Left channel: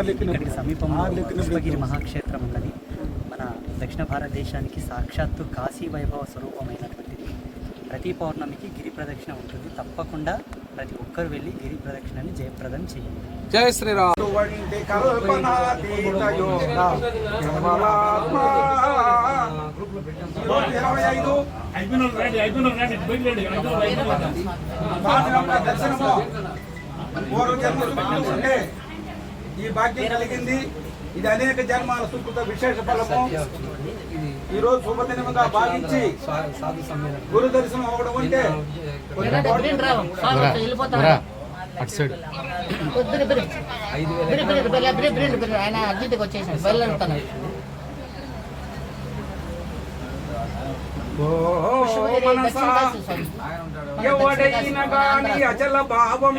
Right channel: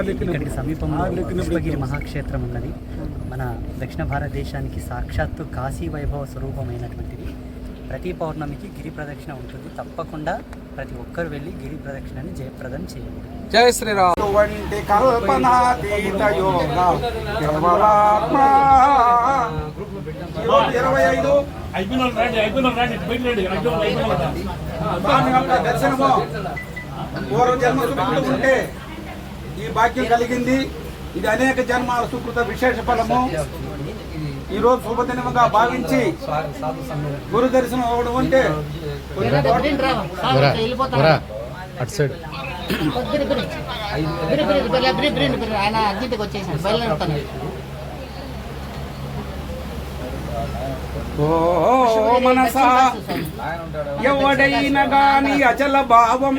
ఇక్కడికి సమీపంలో పుష్పగిరి మహాక్షేత్రం ఉన్నది. మన దక్షిణ భారతదేశానికి సాక్షాత్తు కాశీ వైభవ స్వరూపమైనటువంటిది. ప్రతి పౌర్ణమికి గిరి ప్రదక్షిణ ఉంటుంది. తప్పకుండా ప్రతి ఒక్కరు వెళ్ళి గిరి ప్రదక్షిణని జయప్రదం చేయండి. శ్రీరామ్. దర్శనము. పూర్వ జన్మ ఉంటే ఈ భాగ్యం కలిగింది. ఇది అనేక జన్మాల సుకృత విశేష ఫలము. ఈ రోజు శుభదినముగా భావించి గురు దర్శనం అవ్వడం అంటే వచ్చేసాడు ఓ ఎవడైనా భావం